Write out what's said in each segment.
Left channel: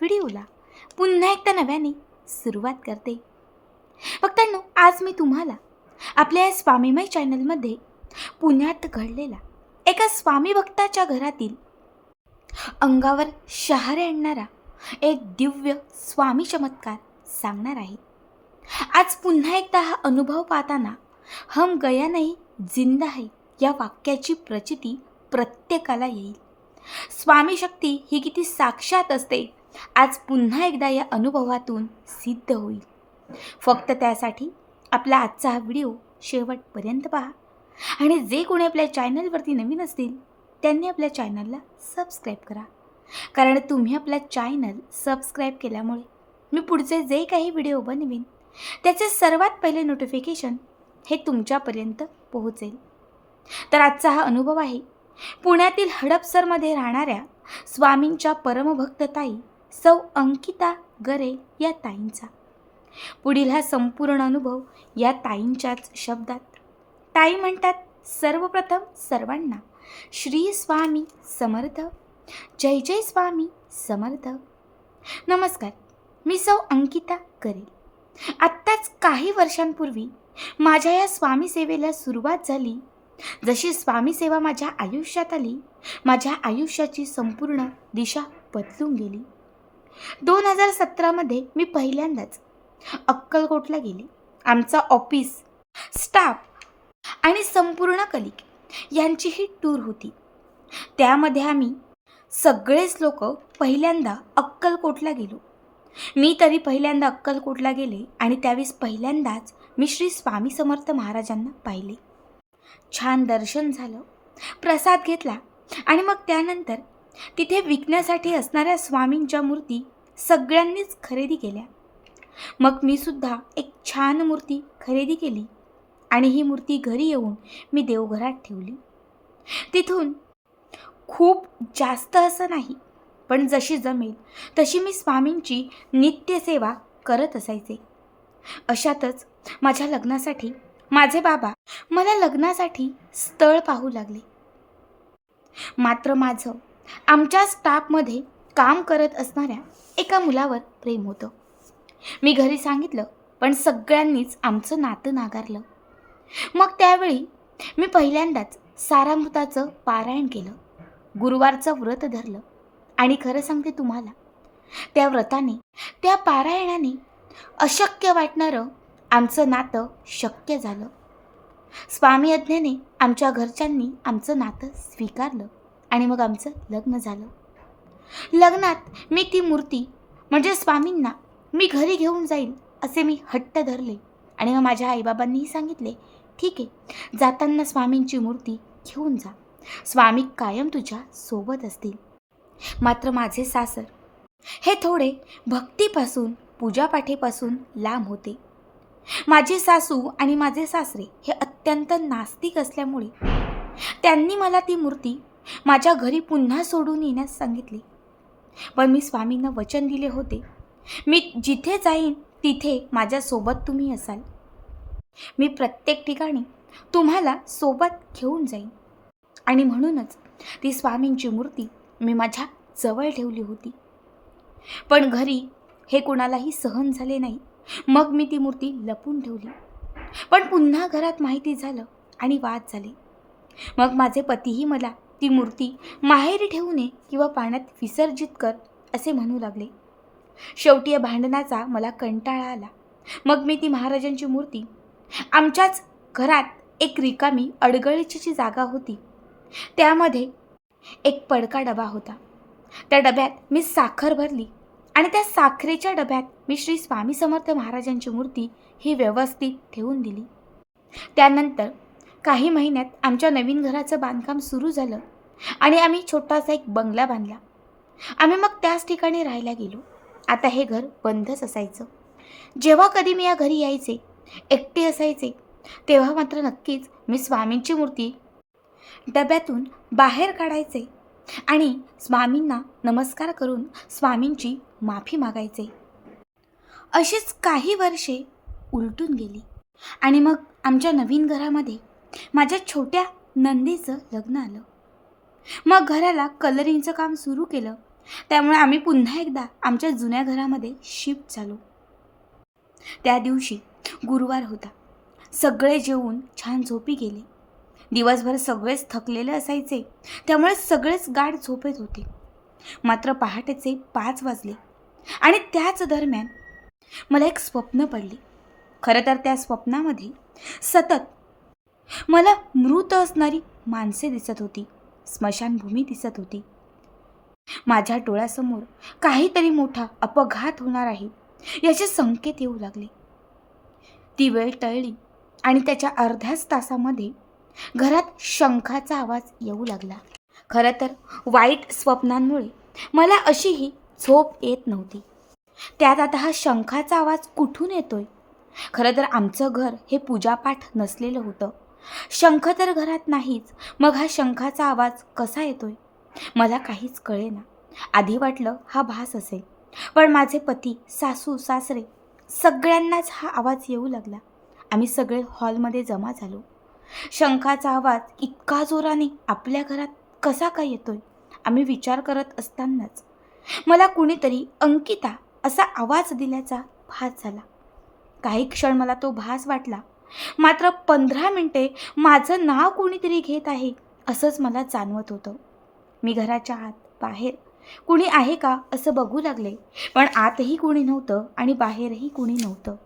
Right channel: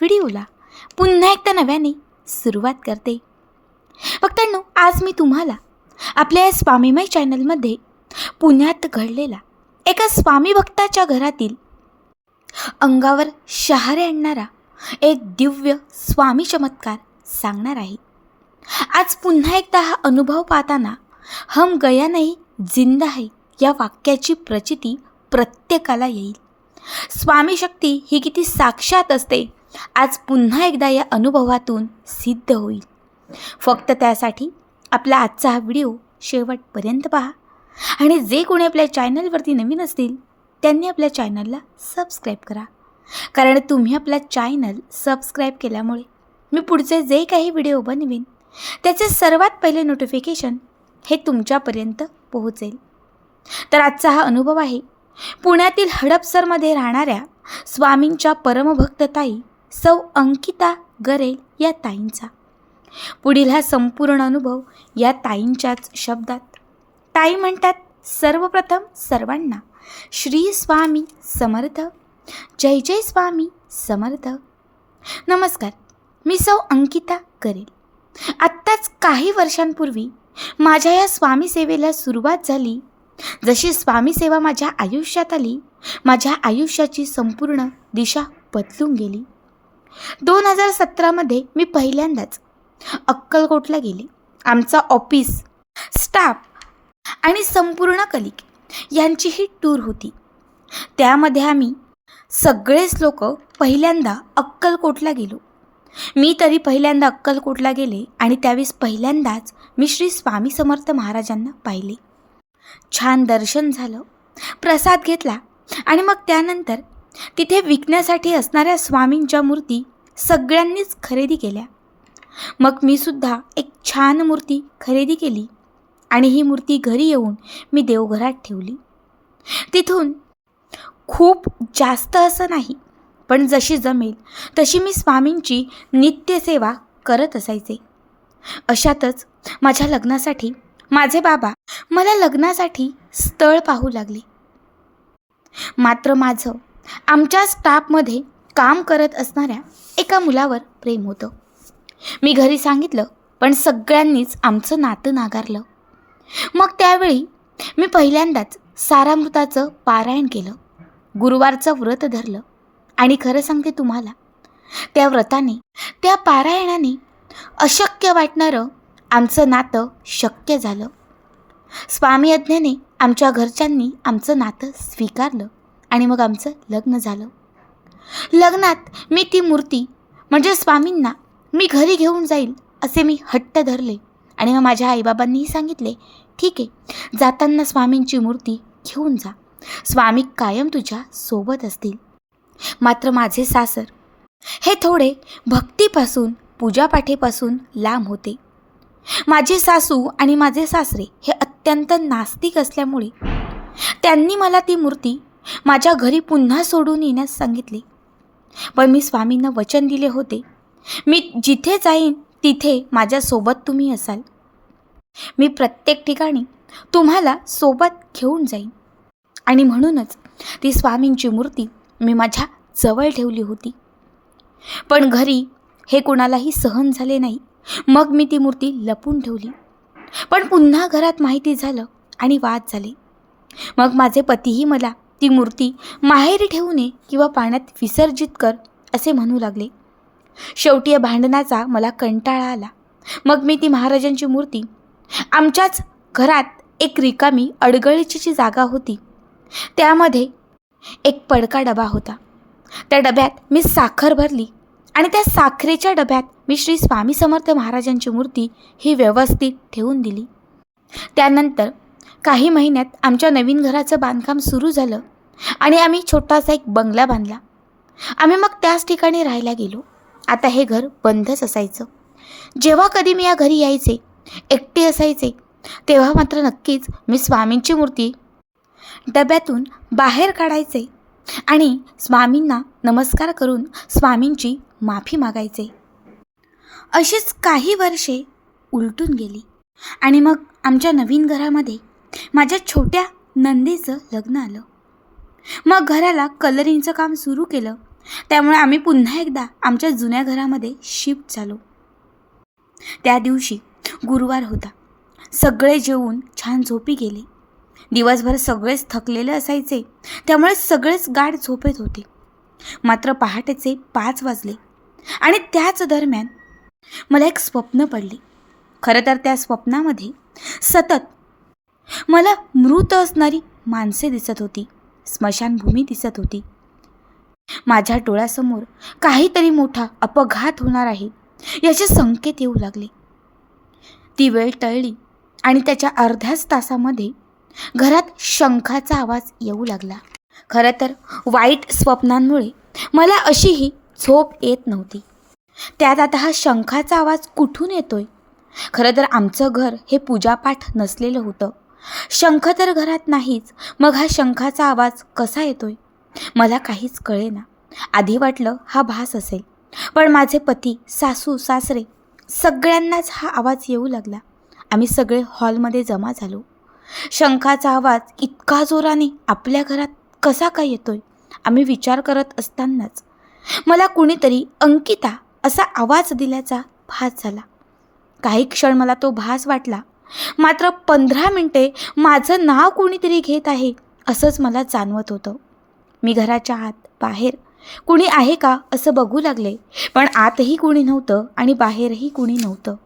व्हिडिओला. पुन्हा एकदा नव्याने सुरुवात करते. भक्तांनो आज मी तुम्हाला आपल्या या स्वामीमय चॅनलमध्ये पुण्यात घडलेला एका स्वामी भक्ताच्या घरातील अंगावर शहारे आणणारा एक दिव्य स्वामी चमत्कार सांगणार आहे. आज पुन्हा एकदा हा अनुभव पाहताना हम गया नाही जिंद आहे या वाक्याची प्रचिती प्रत्येकाला येईल. स्वामी शक्ती ही किती साक्षात असते आज पुन्हा एकदा या अनुभवातून सिद्ध होईल. फक्त त्यासाठी आपला आजचा हा व्हिडिओ शेवटपर्यंत पहा. आणि जे कोणी आपल्या चॅनलवरती नवीन असतील त्यांनी आपल्या चॅनलला सबस्क्राईब करा. कारण तुम्ही आपला चॅनल सबस्क्राईब केल्यामुळे मी पुढचे जे काही व्हिडिओ बनवेन त्याचे सर्वात पहिले नोटिफिकेशन हे तुमच्यापर्यंत पोहोचेल. तर आजचा हा अनुभव आहे पुण्यातील हडपसरमध्ये राहणाऱ्या स्वामींच्या परमभक्तताई सौ अंकिता गरे या ताईंचा. पुढील हा संपूर्ण अनुभव या ताईंच्याच शब्दात. ताई म्हणतात सर्वप्रथम सर्वांना श्री स्वामी समर्थ जय जय स्वामी समर्थ. नमस्कार मी सौ अंकिता करेल आत्ताच काही वर्षांपूर्वी माझ्या या स्वामी सेवेला सुरुवात झाली. जशी स्वामी सेवा माझ्या आयुष्यात आली माझ्या आयुष्याची संपूर्ण दिशा बदलून गेली. दोन हजार सतरामध्ये मी पहिल्यांदाच अक्कलकोटला गेले. आमचा ऑफिस स्टाफ आणि संपूर्ण कलिक यांची ही टूर होती. त्यामध्ये आम्ही सगळेच लोक पहिल्यांदा अक्कलकोटला गेलो. मी तरी पहिल्यांदा अक्कलकोटला गेले आणि त्यावेळेस पहिल्यांदाच मी श्री स्वामी समर्थ महाराजांना पाहिले. छान दर्शन झालं प्रसाद घेतला आणि मग त्यानंतर तिथे विकण्यासाठी असणाऱ्या स्वामींच्या मूर्ती सगळ्यांनीच खरेदी केल्या. मग मी सुद्धा एक छान मूर्ती खरेदी केली आणि ही मूर्ती घरी येऊन मी देवघरात ठेवली. तिथून खूप जास्त असं नाही पण जशी जमेल तशी मी स्वामींची नित्यसेवा करत असायचे. अशातच माझ्या लग्नासाठी माझे बाबा मला लग्नासाठी स्थळ पाहू लागले. मात्र माझं आमच्या स्टाफमध्ये काम करत असणाऱ्या एका मुलावर प्रेम होतं. मी घरी सांगितलं पण सगळ्यांनीच आमचं नातं नाकारलं मग त्यावेळी मी पहिल्यांदाच सारामृताचं पारायण केलं. गुरुवारचं व्रत धरलं. आणि खरं सांगते तुम्हाला त्या व्रताने त्या पारायणाने अशक्य वाटणारं आमचं नातं शक्य झालं. स्वामी यज्ञाने आमच्या घरच्यांनी आमचं नातं स्वीकारलं. आणि मग आमचं लग्न झालं. लग्नात मी ती मूर्ती म्हणजे स्वामींना मी घरी घेऊन जाईल असे मी हट्ट धरले. आणि मग माझ्या आईबाबांनीही सांगितले ठीक आहे जाताना स्वामींची मूर्ती घेऊन जा. स्वामी कायम तुझ्या सोबत असतील. मात्र माझे सासर हे थोडे भक्तीपासून पूजापाठेपासून लांब होते. माझे सासू आणि माझे सासरे हे अत्यंत नास्तिक असल्यामुळे त्यांनी मला ती मूर्ती माझ्या घरी पुन्हा सोडून येण्यास सांगितले. पण मी स्वामींना वचन दिले होते. मी जिथे जाईन तिथे माझ्यासोबत तुम्ही असाल. मी प्रत्येक ठिकाणी तुम्हाला सोबत घेऊन जाईन. आणि म्हणूनच ती स्वामींची मूर्ती मी माझ्या जवळ ठेवली होती. पण घरी हे कोणालाही सहन झाले नाही. मग मी ती मूर्ती लपून ठेवली. पण पुन्हा घरात माहिती झालं आणि वाद झाले. मग माझे पतीही मला ती मूर्ती माहेरी ठेवू नये किंवा पाण्यात विसर्जित कर असे म्हणू लागले. शेवटी या भांडणाचा मला कंटाळा आला. मग मी ती महाराजांची मूर्ती आमच्याच घरात एक रिकामी अडगळीची जी जागा होती. त्यामध्ये एक पडका डबा होता. त्या डब्यात मी साखर भरली आणि त्या साखरेच्या डब्यात मी श्री स्वामी समर्थ महाराजांची मूर्ती ही व्यवस्थित ठेवून दिली. त्यानंतर काही महिन्यात आमच्या नवीन घराचं बांधकाम सुरू झालं आणि आम्ही छोटासा एक बंगला बांधला. आम्ही मग त्याच ठिकाणी राहायला गेलो. आता हे घर बंदच असायचं. जेव्हा कधी मी या घरी यायचे एकटे असायचे तेव्हा मात्र नक्कीच मी स्वामींची मूर्ती डब्यातून बाहेर काढायचे आणि स्वामींना नमस्कार करून स्वामींची माफी मागायचे. अशीच काही वर्षे उलटून गेली आणि मग आमच्या नवीन घरामध्ये माझ्या छोट्या नंदीचं लग्न आलं. मग घराला कलरिंगचं काम सुरू केलं. त्यामुळे आम्ही पुन्हा एकदा आमच्या जुन्या घरामध्ये शिफ्ट झालो. त्या दिवशी गुरुवार होता. सगळे जेवून छान झोपी गेले. दिवसभर सगळेच थकलेले असायचे. त्यामुळे सगळेच गाढ झोपेत होते. मात्र पहाटेचे पाच वाजले आणि त्याच दरम्यान मला एक स्वप्न पडले. खरं तर त्या स्वप्नामध्ये सतत मला मृत असणारी माणसे दिसत होती. स्मशानभूमी दिसत होती. माझ्या डोळ्यासमोर काहीतरी मोठा अपघात होणार आहे याचे संकेत येऊ लागले. ती वेळ टळली आणि त्याच्या अर्ध्याच तासामध्ये घरात शंखाचा आवाज येऊ लागला. खरं तर वाईट स्वप्नांमुळे मला अशीही झोप येत नव्हती. त्यात आता हा शंखाचा आवाज कुठून येतोय? खरं तर आमचं घर हे पूजापाठ नसलेलं होतं. शंख तर घरात नाहीच मग हा शंखाचा आवाज कसा येतोय? मला काहीच कळेना. आधी वाटलं हा भास असेल पण माझे पती सासू सासरे सगळ्यांनाच हा आवाज येऊ लागला. आम्ही सगळे हॉलमध्ये जमा झालो. शंखाचा आवाज इतका जोराने आपल्या घरात कसा काय येतोय आम्ही विचार करत असतानाच मला कुणीतरी अंकिता असा आवाज दिल्याचा भास झाला. काही क्षण मला तो भास वाटला मात्र पंधरा मिनटे माझं नाव कोणीतरी घेत आहे असंच मला जाणवत होतं. मी घराच्या आत बाहेर. कुणी आहे का असं बघू लागले पण आतही कुणी नव्हतं आणि बाहेरही कुणी नव्हतं.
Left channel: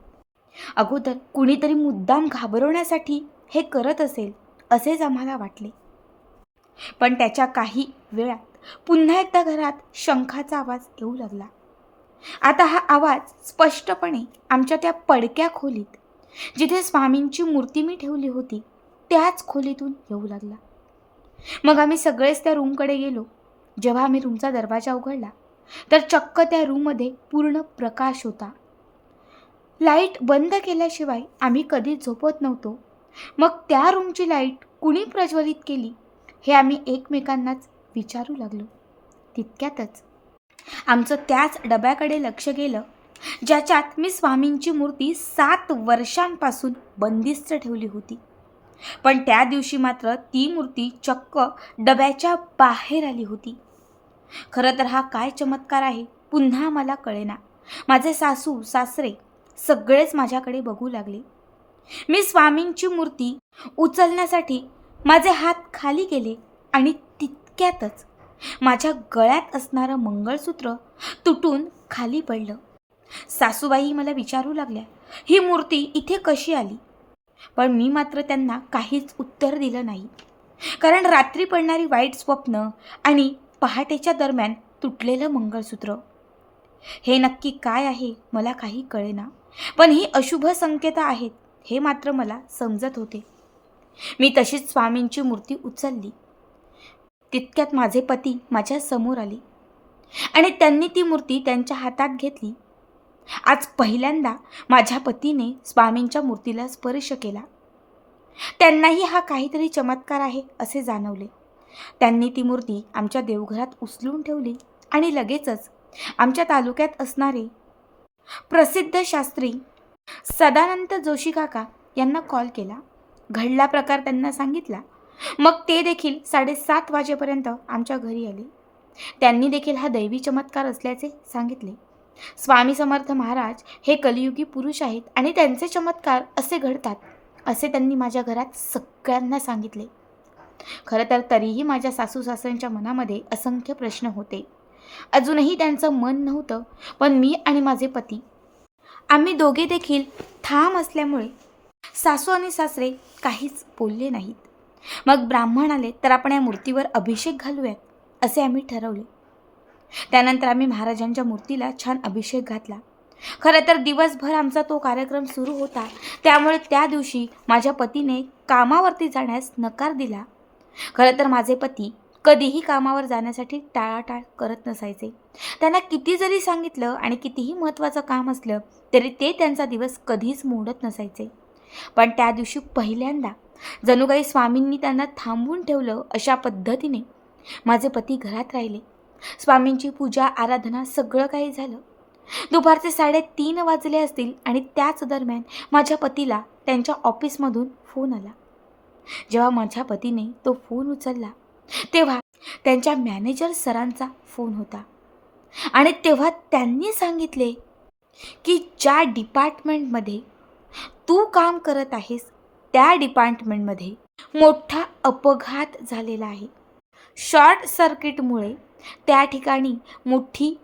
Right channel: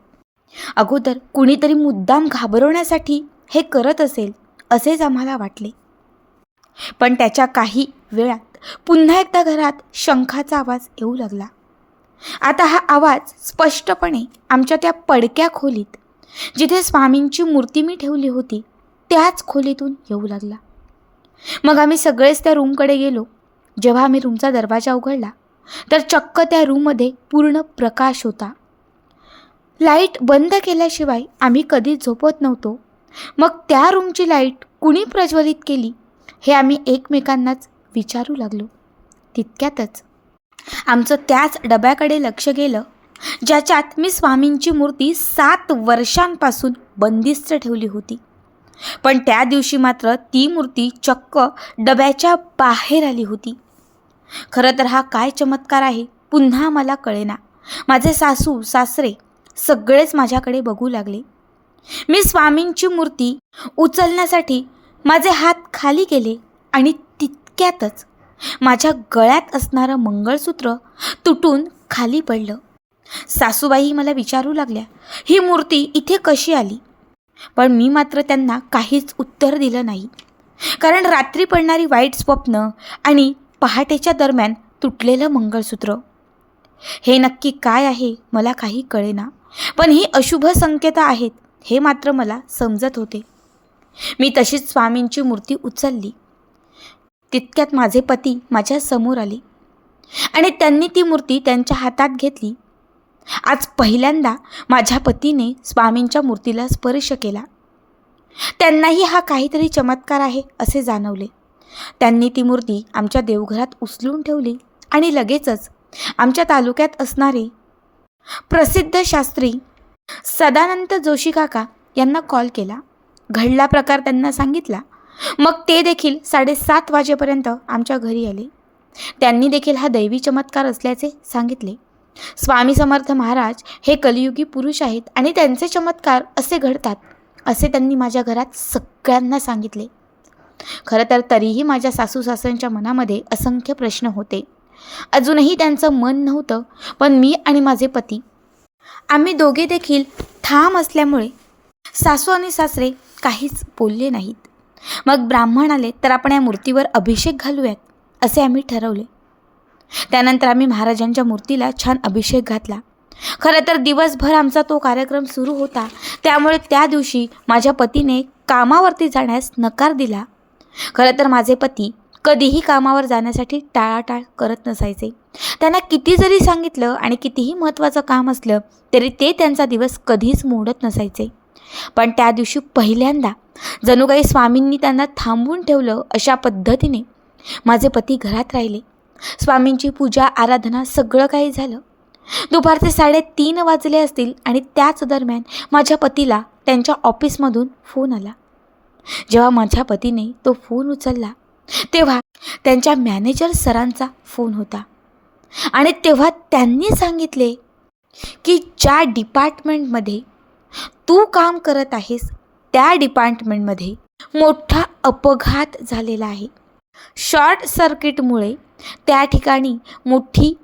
अगोदर कुणीतरी मुद्दाम घाबरवण्यासाठी हे करत असेल असेच आम्हाला वाटले. पण त्याच्या काही वेळात पुन्हा एकदा घरात शंखाचा आवाज येऊ लागला. आता हा आवाज स्पष्टपणे आमच्या त्या पडक्या खोलीत जिथे स्वामींची मूर्ती मी ठेवली होती त्याच खोलीतून येऊ लागला. मग आम्ही सगळेच त्या रूमकडे गेलो. जेव्हा आम्ही रूमचा दरवाजा उघडला तर चक्क त्या रूममध्ये पूर्ण प्रकाश होता. लाइट बंद केल्याशिवाय आम्ही कधीच झोपत नव्हतो. मग त्या रूमची लाइट कुणी प्रज्वलित केली हे आम्ही एकमेकांनाच विचारू लागलो. तितक्यातच आमचं त्याच डब्याकडे लक्ष गेलं. ज्याच्यात मी स्वामींची मूर्ती सात वर्षांपासून बंदिस्त ठेवली होती. पण त्या दिवशी मात्र ती मूर्ती चक्क डब्याच्या बाहेर आली होती. खरं तर हा काय चमत्कार आहे पुन्हा मला कळेना. माझे सासू सासरे सगळेच माझ्याकडे बघू लागले. मी स्वामींची मूर्ती उचलण्यासाठी माझे हात खाली गेले आणि तितक्यातच माझ्या गळ्यात असणारं मंगळसूत्र तुटून खाली पडलं. सासूबाई मला विचारू लागल्या ही मूर्ती इथे कशी आली? पण मी मात्र त्यांना काहीच उत्तर दिलं नाही. कारण रात्री पडणारी वाईट स्वप्न आणि पहाटेच्या दरम्यान तुटलेलं मंगळसूत्र. हे नक्की काय आहे मला काही कळेना पण ही अशुभ संकेत आहेत हे मात्र मला समजत होते. मी तशीच स्वामींची मूर्ती उचलली. तितक्यात माझे पती माझ्यासमोर आले आणि त्यांनी ती मूर्ती त्यांच्या हातात घेतली. आज पहिल्यांदा माझ्या पतीने स्वामींच्या मूर्तीला स्पर्श केला. त्यांनाही हा काहीतरी चमत्कार आहे असे जाणवले. त्यांनी ती मूर्ती आमच्या देवघरात उचलून ठेवली आणि लगेचच आमच्या तालुक्यात असणारे प्रसिद्ध शास्त्री सदानंद जोशी काका यांना कॉल केला. घडला प्रकार त्यांना सांगितला. मग ते देखील साडेसात वाजेपर्यंत आमच्या घरी आले. त्यांनी देखील हा दैवी चमत्कार असल्याचे सांगितले. स्वामी समर्थ महाराज हे कलियुगी पुरुष आहेत आणि त्यांचे चमत्कार असे घडतात असे त्यांनी माझ्या घरात सगळ्यांना सांगितले. खरं तर तरीही माझ्या सासू सासऱ्यांच्या मनामध्ये असंख्य प्रश्न होते. अजूनही त्यांचं मन नव्हतं पण मी आणि माझे पती आम्ही दोघे देखील ठाम असल्यामुळे सासू आणि सासरे काहीच बोलले नाहीत. मग ब्राह्मण आले तर आपण या मूर्तीवर अभिषेक घालूयात असे आम्ही ठरवले. त्यानंतर आम्ही महाराजांच्या मूर्तीला छान अभिषेक घातला. खरं तर दिवसभर आमचा तो कार्यक्रम सुरू होता. त्यामुळे त्या दिवशी माझ्या पतीने कामावरती जाण्यास नकार दिला. खरं तर माझे पती कधीही कामावर जाण्यासाठी टाळाटाळ करत नसायचे. त्यांना किती जरी सांगितलं आणि कितीही महत्त्वाचं काम असलं तरी ते त्यांचा दिवस कधीच मोडत नसायचे. पण त्या दिवशी पहिल्यांदा जणू काही स्वामींनी त्यांना थांबवून ठेवलं अशा पद्धतीने माझे पती घरात राहिले. स्वामींची पूजा आराधना सगळं काही झालं. दुपारचे साडेतीन वाजले असतील आणि त्याच दरम्यान माझ्या पतीला त्यांच्या ऑफिसमधून फोन आला. जेव्हा माझ्या पतीने तो फोन उचलला तेव्हा त्यांच्या मॅनेजर सरांचा फोन होता. आणि तेव्हा त्यांनी सांगितले की ज्या डिपार्टमेंटमध्ये तू काम करत आहेस त्या डिपार्टमेंटमध्ये मोठा अपघात झालेला आहे. शॉर्ट सर्किटमुळे त्या ठिकाणी मोठी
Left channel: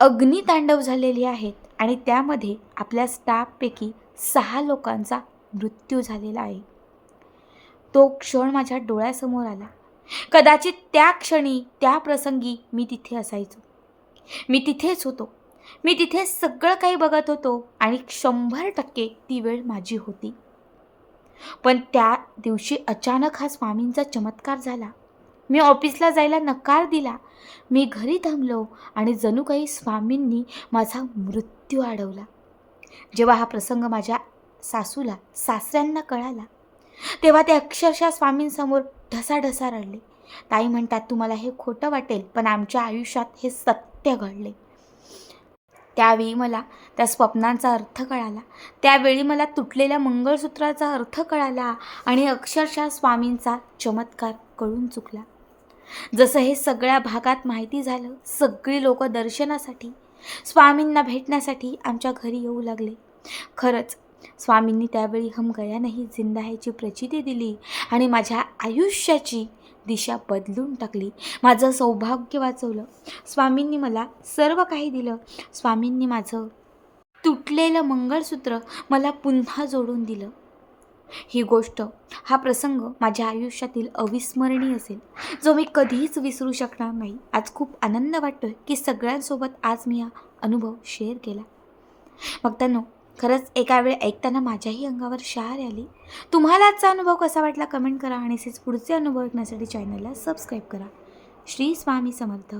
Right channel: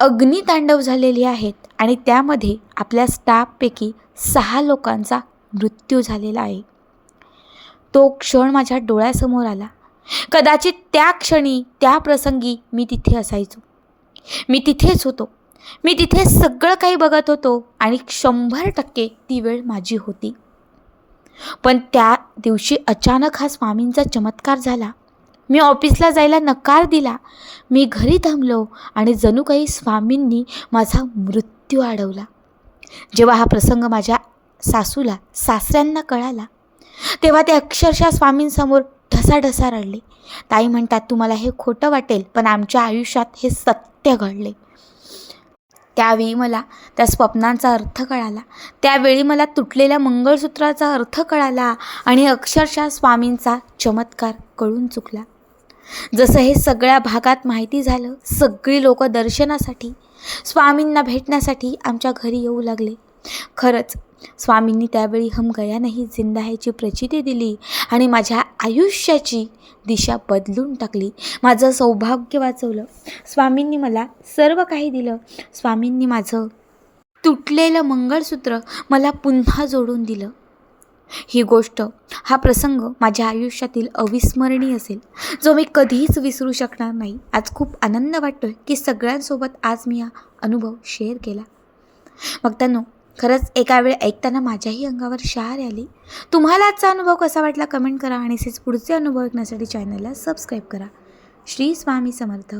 अग्नितांडव झालेली आहेत आणि त्यामध्ये आपल्या स्टाफपैकी सहा लोकांचा मृत्यू झालेला आहे. तो क्षण माझ्या डोळ्यासमोर आला. कदाचित त्या क्षणी त्या प्रसंगी मी तिथे असायचो. मी तिथेच होतो. मी तिथे सगळं काही बघत होतो आणि शंभर टक्के ती वेळ माझी होती. पण त्या दिवशी अचानक हा स्वामींचा चमत्कार झाला. मी ऑफिसला जायला नकार दिला. मी घरी थांबलो आणि जणू काही स्वामींनी माझा मृत्यू अडवला जेव्हा हा प्रसंग माझ्या सासूला सासऱ्यांना कळाला तेव्हा ते अक्षरशः स्वामींसमोर ढसाढसा रडले. ताई म्हणतात तुम्हाला हे खोटं वाटेल पण आमच्या आयुष्यात हे सत्य घडले. त्यावेळी मला त्या स्वप्नांचा अर्थ कळाला. त्यावेळी मला तुटलेल्या मंगळसूत्राचा अर्थ कळाला आणि अक्षरशः स्वामींचा चमत्कार कळून चुकला. जसं हे सगळ्या भागात माहिती झालं सगळी लोक दर्शनासाठी स्वामींना भेटण्यासाठी आमच्या घरी येऊ लागले. खरंच स्वामींनी त्यावेळी हम गया नाही जिंदा ह्याची प्रचिती दिली आणि माझ्या आयुष्याची दिशा बदलून टाकली. माझं सौभाग्य वाचवलं. स्वामींनी मला सर्व काही दिलं. स्वामींनी माझं तुटलेलं मंगळसूत्र मला पुन्हा जोडून दिलं. ही गोष्ट हा प्रसंग माझ्या आयुष्यातील अविस्मरणीय असेल जो मी कधीच विसरू शकणार नाही. आज खूप आनंद वाटतो आहे की सगळ्यांसोबत आज मी हा अनुभव शेअर केला. मग त्यांनो खरंच एका वेळ ऐकताना माझ्याही अंगावर शहार आली. तुम्हाला आजचा अनुभव कसा वाटला कमेंट करा आणि असेच पुढचे अनुभव ऐकण्यासाठी चॅनलला सबस्क्राईब करा. श्री स्वामी समर्थ.